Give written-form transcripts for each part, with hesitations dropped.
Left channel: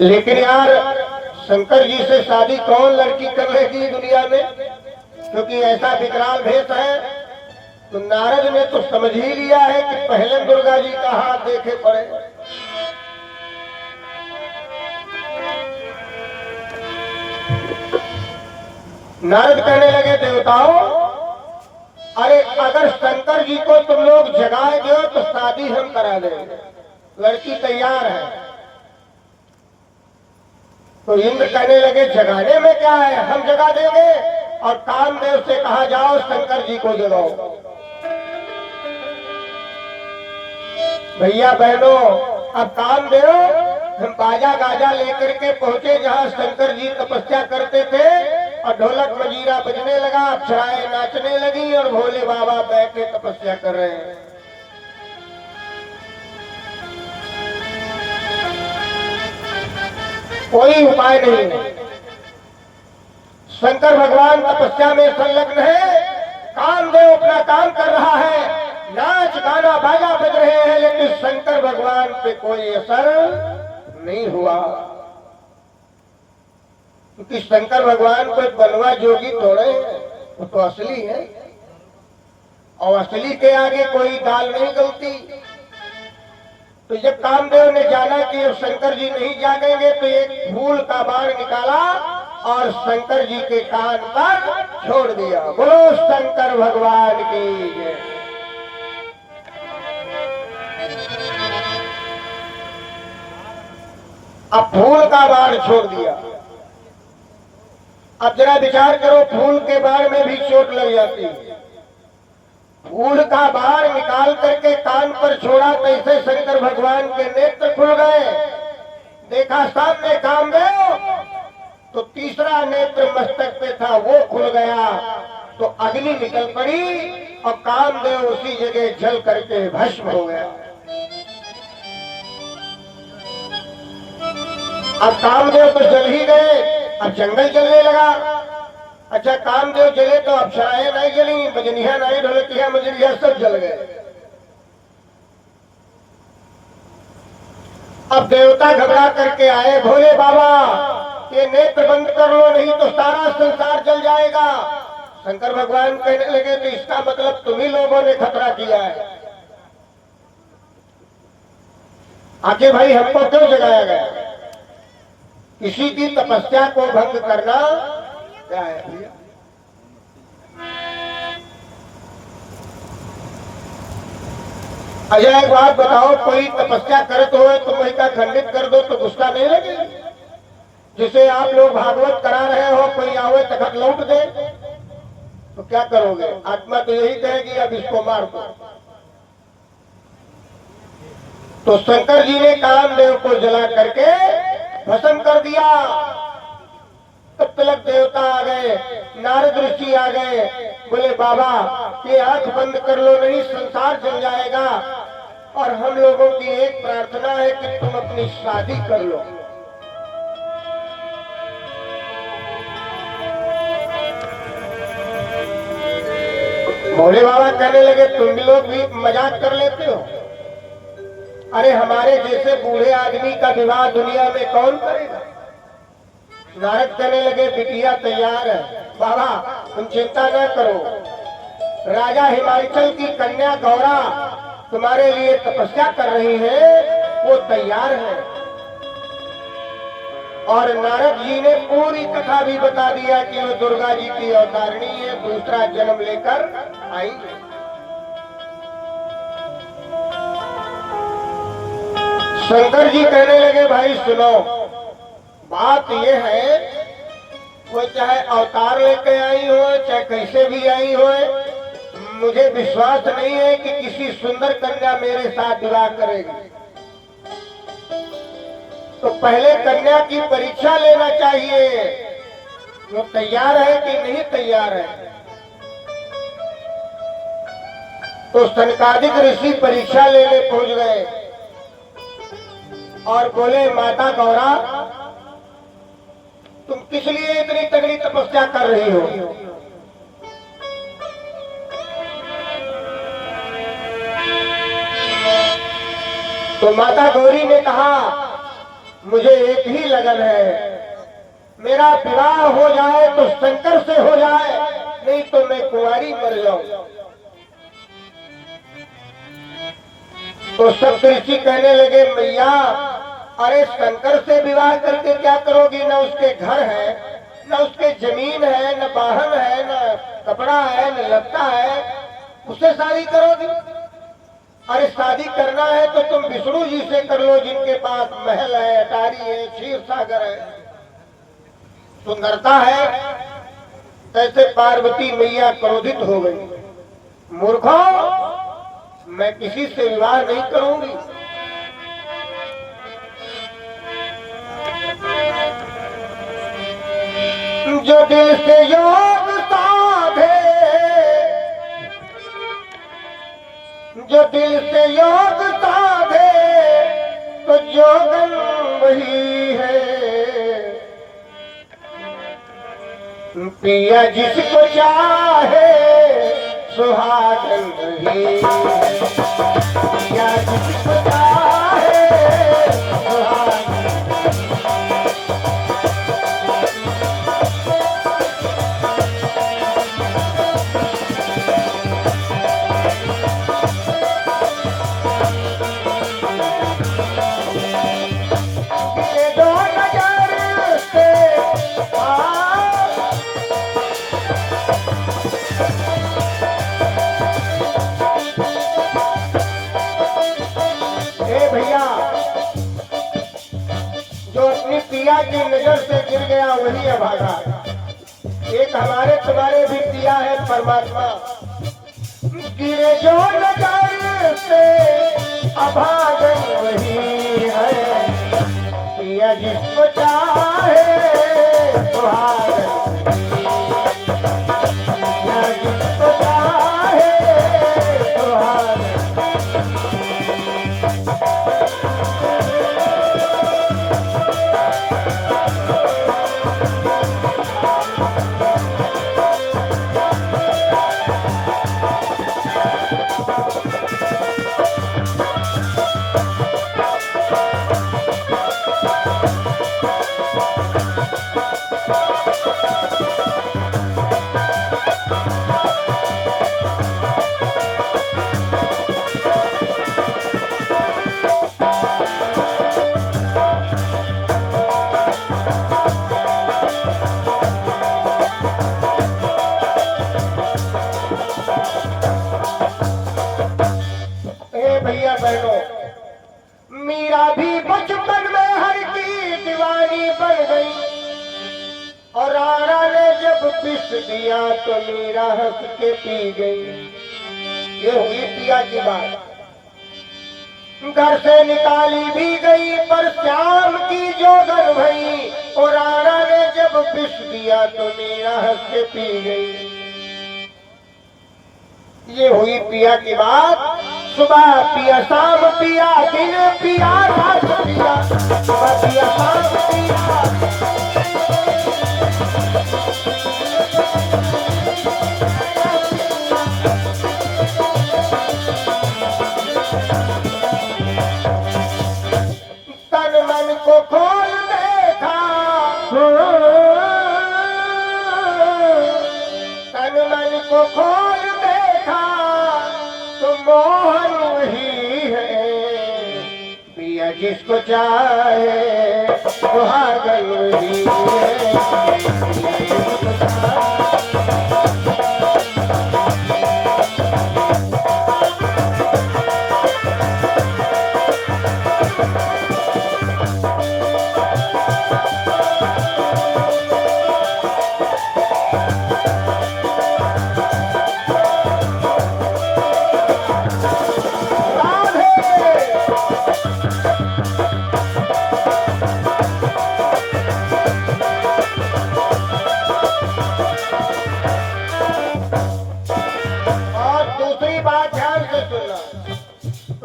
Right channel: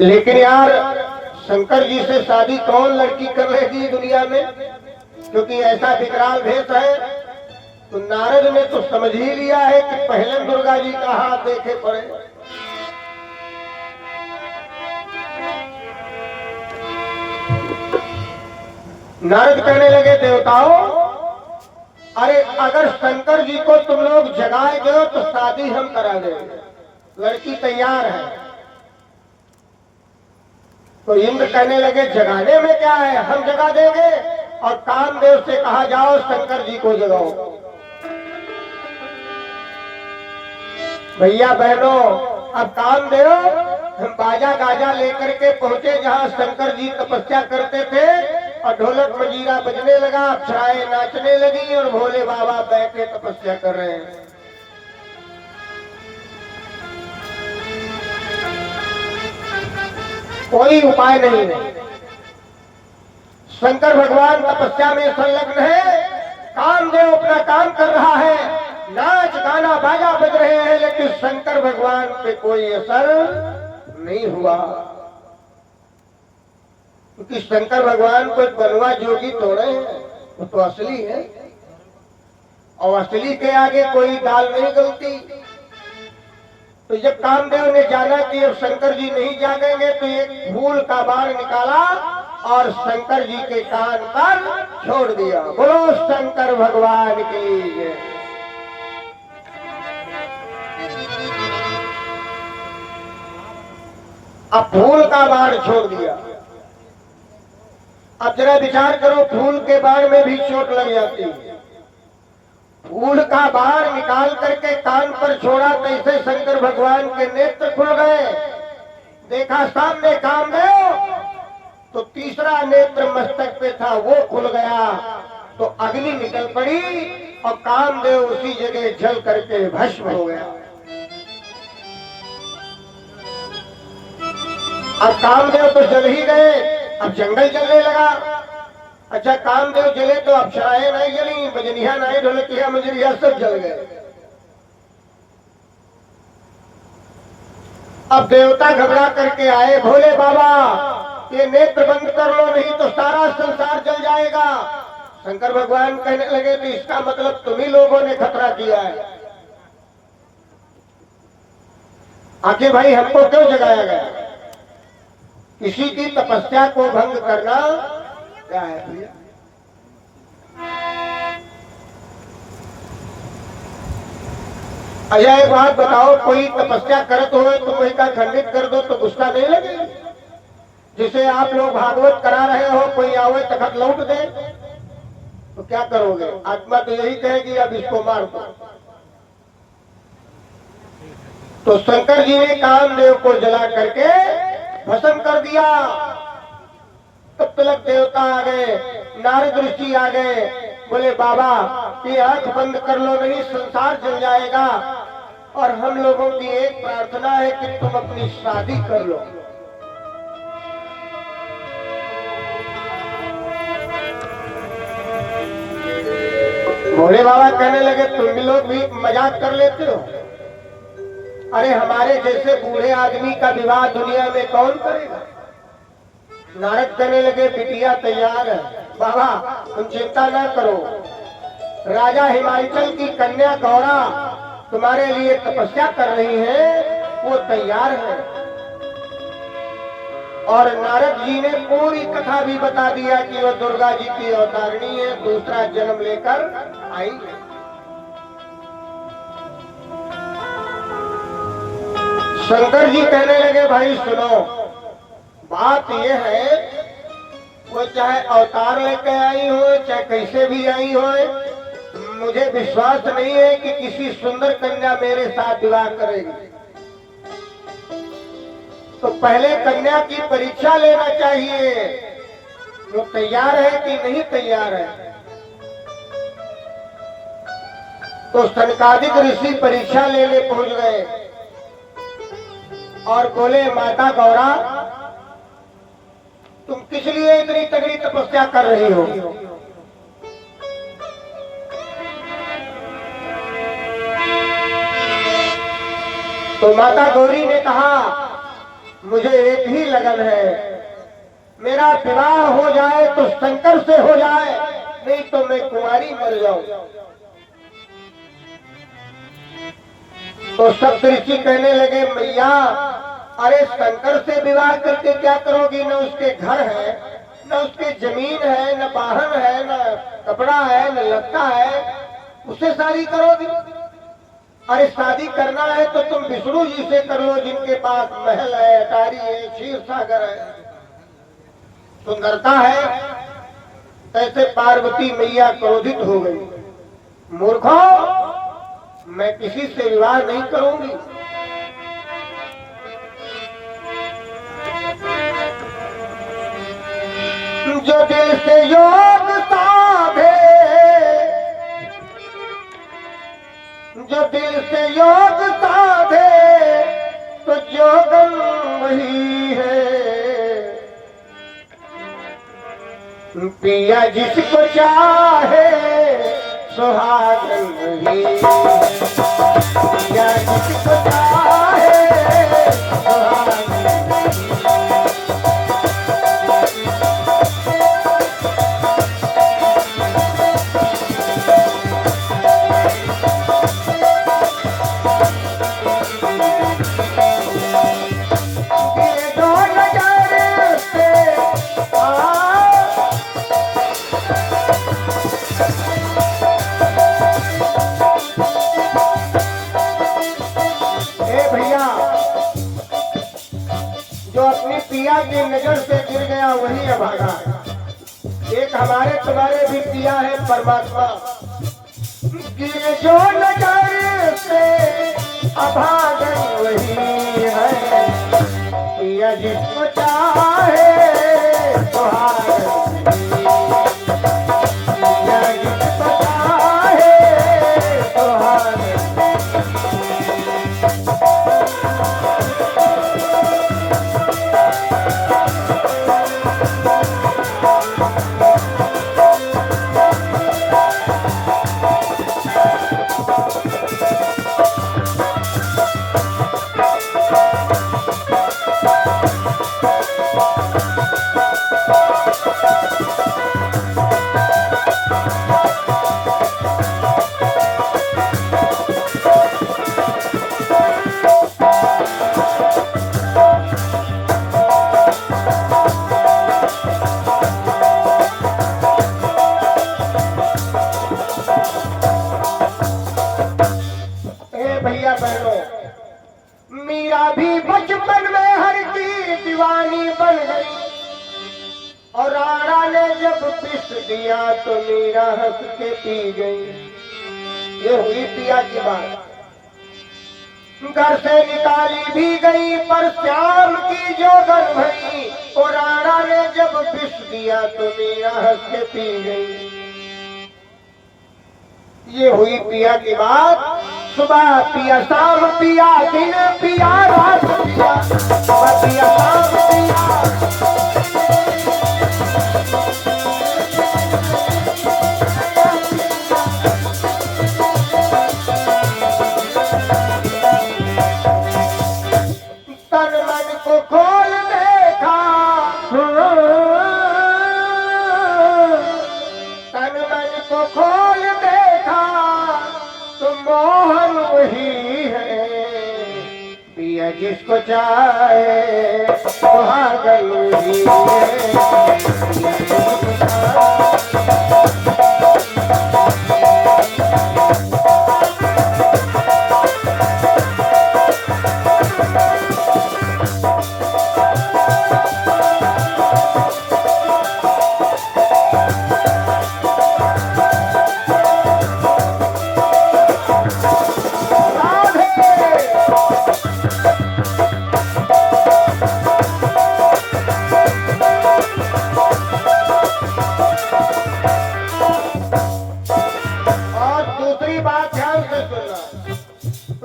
लेकिन यार शंकर जी से शादी कौन लड़की कर लेगी दुनिया में, क्योंकि ऐसा विकराल भेष है। तो नारद ने तो समझ ही लिया है कि पहले दुर्गा जी का हाथ देखे पड़े। नारद कहने लगे, देवताओं, अरे अगर शंकर जी को तुम लोग जगाए दो तो शादी हम करा देंगे, लड़की तैयार है। तो इंद्र कहने लगे, जगाने में क्या है, हम जगा देंगे। और कामदेव से कहा, जाओ शंकर जी को जगाओ। भैया बहनों, अब कामदेव हम बाजा गाजा लेकर के पहुंचे जहां शंकर जी तपस्या करते थे, और ढोलक मजीरा बजने लगा, अप्सराएं नाचने लगी और भोले बाबा बैठे तपस्या कर रहे हैं। कोई उपाय नहीं है। शंकर भगवान तपस्या में संलग्न है, कामदेव अपना काम कर रहा है, नाच गाना बाजा बज रहे हैं, लेकिन शंकर भगवान पे कोई असर नहीं हुआ। क्योंकि शंकर भगवान कोई बनवा जोगी थोड़े हैं, वो तो असली है, और असली के आगे कोई दाल नहीं गलती। तो जब कामदेव ने जाना कि अब शंकर जी नहीं जागेंगे, तो एक फूल का बाण निकाला और शंकर जी के कान पर छोड़ दिया। बोलो शंकर भगवान की जय। अब फूल का बाण छोड़ दिया। अब जरा विचार करो, फूल के बाण में भी चोट लग जाती है। फूल का बाण निकाल करके कान पर छोड़ा, कैसे शंकर भगवान के नेत्र खुल गए। देखा सामने कामदेव, तो तीसरा नेत्र मस्तक पे था, वो खुल गया। तो अग्नि निकल पड़ी और कामदेव उसी जगह जल करके भस्म हो गया। अब कामदेव तो जल ही गए, अब जंगल जलने लगा। अच्छा, कामदेव जले तो अप्सराएं नहीं जली, बजनिया नहीं, ढोलकिया मजरिया सब जल गए। अब देवता घबरा करके आए, भोले बाबा ये नेत्र बंद कर लो, नहीं तो सारा संसार जल जाएगा। शंकर भगवान कहने लगे, तो इसका मतलब तुम्ही लोगों ने खतरा किया है। आखिर भाई हमको क्यों जगाया गया? किसी की तपस्या को भंग करना क्या है भैया? अच्छा एक बात बताओ, कोई तपस्या करत हो तो कोई का खंडित कर दो तो गुस्सा नहीं लगे? जिसे आप लोग भागवत करा रहे हो, कोई आवे तखत लौट दे तो क्या करोगे? आत्मा तो यही कहेगी अब इसको मार दो। तो शंकर जी ने कामदेव को जला करके भस्म कर दिया। तब तलक देवता आ गए, नारद ऋषि आ गए, बोले बाबा ये आंख बंद कर लो, नहीं संसार जल जाएगा। और हम लोगों की एक प्रार्थना है कि तुम अपनी शादी कर लो। भोले बाबा कहने लगे, तुम लोग भी मजाक कर लेते हो? अरे हमारे जैसे बूढ़े आदमी का विवाह दुनिया में कौन करेगा? नारद कहने लगे, बिटिया तैयार है बाबा, तुम चिंता ना करो। राजा हिमाचल की कन्या गौरा तुम्हारे लिए तपस्या कर रही है, वो तैयार है। और नारद जी ने पूरी कथा भी बता दिया कि वो दुर्गा जी की अवतारिणी है, दूसरा जन्म लेकर आई है। शंकर जी कहने लगे, भाई सुनो, बात ये है, वो चाहे अवतार लेके आई हो, चाहे कैसे भी आई हो, मुझे विश्वास नहीं है कि किसी सुंदर कन्या मेरे साथ विवाह करेगी। तो पहले कन्या की परीक्षा लेना चाहिए, वो तैयार है कि नहीं तैयार है। तो सनकादिक ऋषि परीक्षा लेने पहुंच गए और बोले, माता गौरा तुम किस लिए इतनी तगड़ी तपस्या कर रही हो? तो माता गौरी ने कहा मुझे एक ही लगन है, मेरा विवाह हो जाए तो शंकर से हो जाए, नहीं तो मैं कुंवारी मर जाऊं। तो सप्तऋषि कहने लगे, मैया अरे शंकर से विवाह करके क्या करोगी? न उसके घर है, न उसके जमीन है, न वाहन है, न कपड़ा है, न लत्ता है, उससे शादी करोगी? अरे शादी करना है तो तुम विष्णु जी से कर लो, जिनके पास महल है, अटारी है, क्षीर सागर है, सुंदरता है। कैसे पार्वती मैया क्रोधित हो गई, मूर्खो मैं किसी से विवाह नहीं करूंगी। जो दिल से योग साधे, जो दिल से योग साधे तो जोगन वही है। पिया जिसको चाहे सुहागन वही है। पिया जिसको चाहे पिया की नजर से गिर गया वही अभागा। एक हमारे तुम्हारे भी पिया है परमात्मा, गिरे जो नजर से अभागन वही है। पिया जिसको चाहे सुहागन वही है। पिया जिसको चाहे सुहागन। भैया बहनों, मीरा भी बचपन में हर की दीवानी बन गई, और राणा ने जब पिस दिया तो मीरा हंस के पी गई। ये हुई पिया की बात। घर से निकाली भी गई पर श्याम की जोगन भई, और राणा ने जब पिस दिया तो मीरा हंस के पी गई। ये हुई पिया की बात। सुबह पिया, शाम पिया, दिन पिया, रात पिया, सुबह पिया, शाम पिया। तन मन को खोल देखा, तन मन को खोल देखा तो मोहन वही है। पिया जिसको चाहे सुहागन वही है।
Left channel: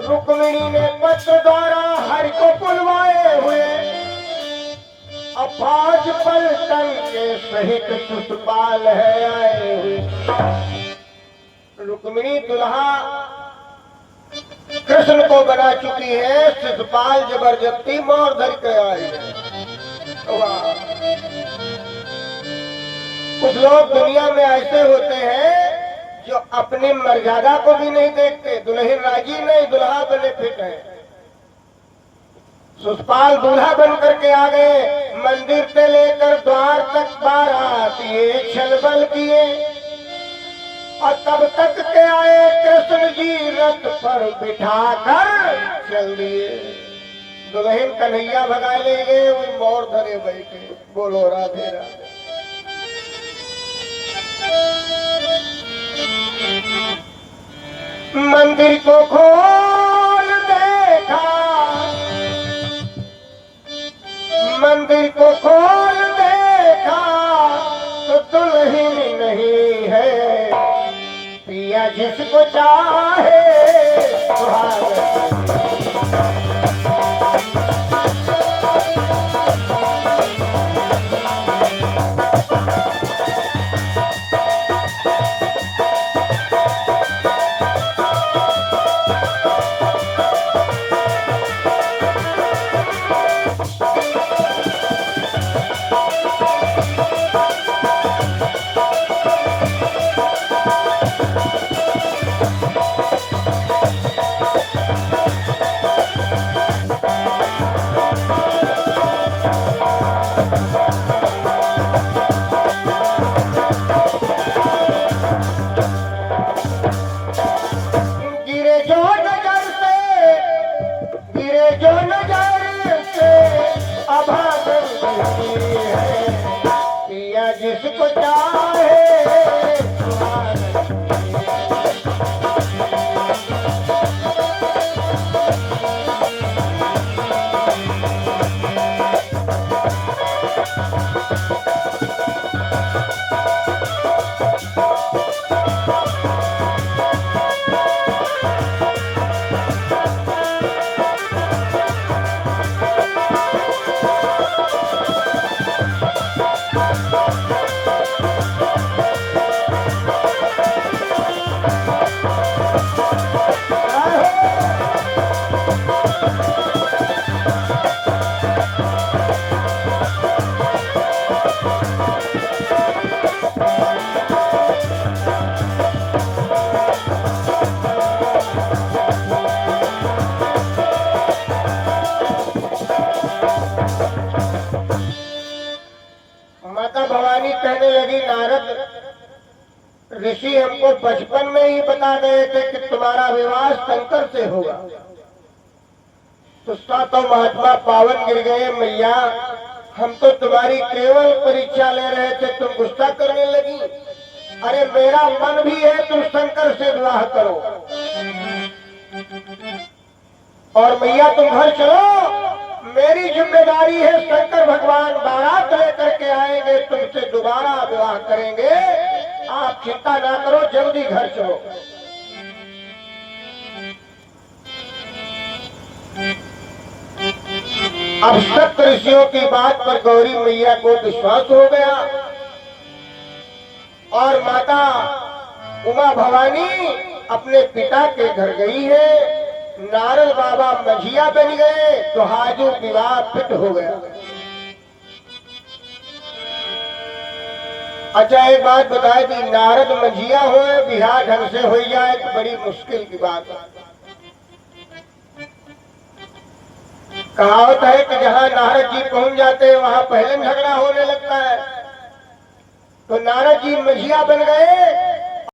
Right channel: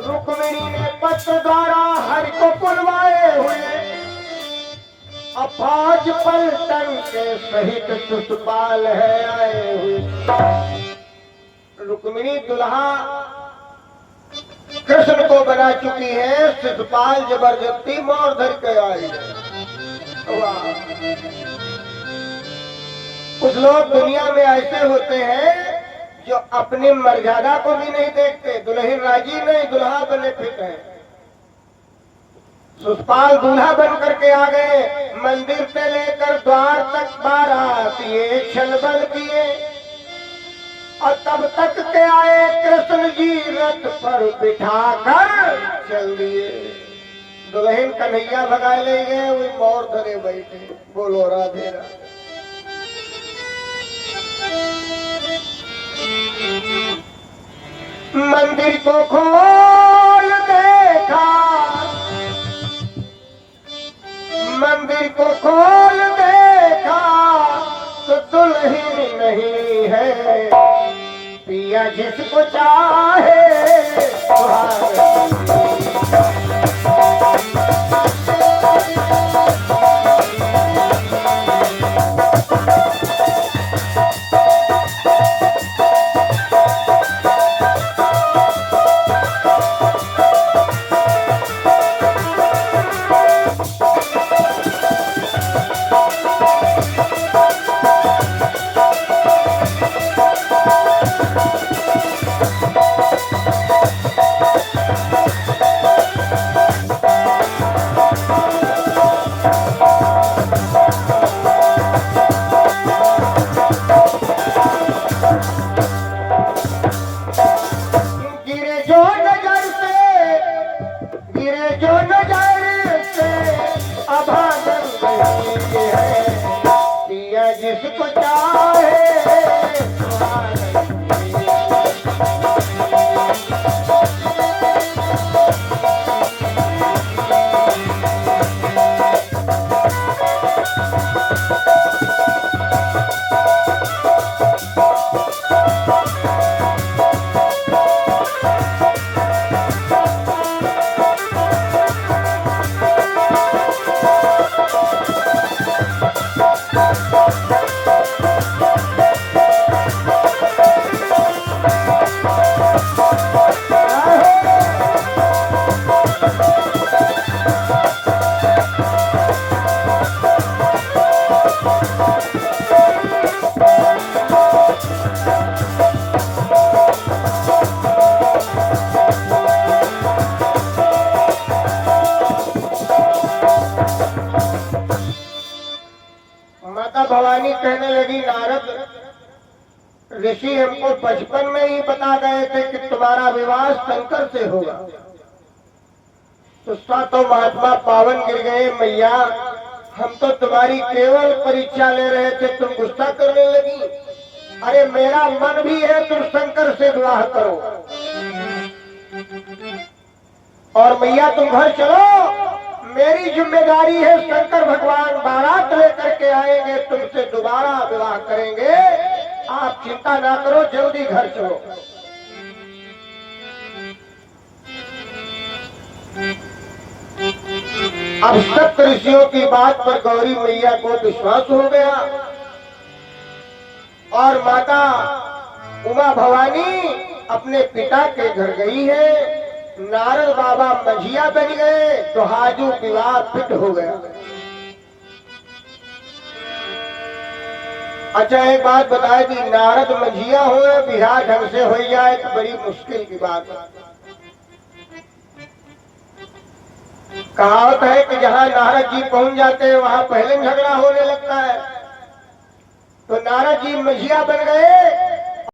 रुक्मिणी ने पत्र द्वारा हरि को बुलवाए हुए अफाज पलटन के सहित सुतपाल है आए। रुक्मिणी दुल्हा कृष्ण को बना चुकी है, शिशुपाल जबरदस्ती मोर धर के आई। वाह! कुछ लोग दुनिया में ऐसे होते हैं जो अपनी मर्यादा को भी नहीं देखते। दुल्हन राजी नहीं, दुल्हा बने फिट है। शिशुपाल दूल्हा बन करके आ गए। मंदिर से लेकर द्वार तक बारात ये छलबल किए, और तब तक के आए कृष्ण जी रथ पर बिठाकर चल दिए। दुल्हन कन्हैया भगा ले गए, वो मोर धरे बैठे। बोलो राधे राधे। मंदिर को खोल देखा, मंदिर को खोल देखा तो दुल्हन नहीं है, पिया जिसको चाहे जिसको चाहे माता भवानी कहने लगी, नारद ऋषि हमको बचपन में ही बता गए थे कि तुम्हारा विवाह शंकर से होगा। तुस्ता तो महात्मा पावन गिर गए। मैया हम तो तुम्हारी केवल परीक्षा ले रहे थे, तुम गुस्सा करने लगी। अरे मेरा मन भी है तुम शंकर से विवाह करो। और मैया तुम घर चलो, मेरी जिम्मेदारी है। शंकर भगवान बारात लेकर के आएंगे, तुमसे दोबारा विवाह करेंगे। आप चिंता ना करो, जल्दी घर चलो। अब सप्त ऋषियों की बात पर गौरी मैया को विश्वास हो गया और माता उमा भवानी अपने पिता के घर गई है। नारद बाबा मझिया बन गए तो हाजू विवाह फिट हो गया। अच्छा एक बात बताए दी, नारद मझिया हो बिहार ढंग से हो जाए तो बड़ी मुश्किल की बात है। कहावत है कि जहां नारद जी पहुंच जाते हैं वहां पहले झगड़ा होने लगता है। तो नारद जी मझिया बन गए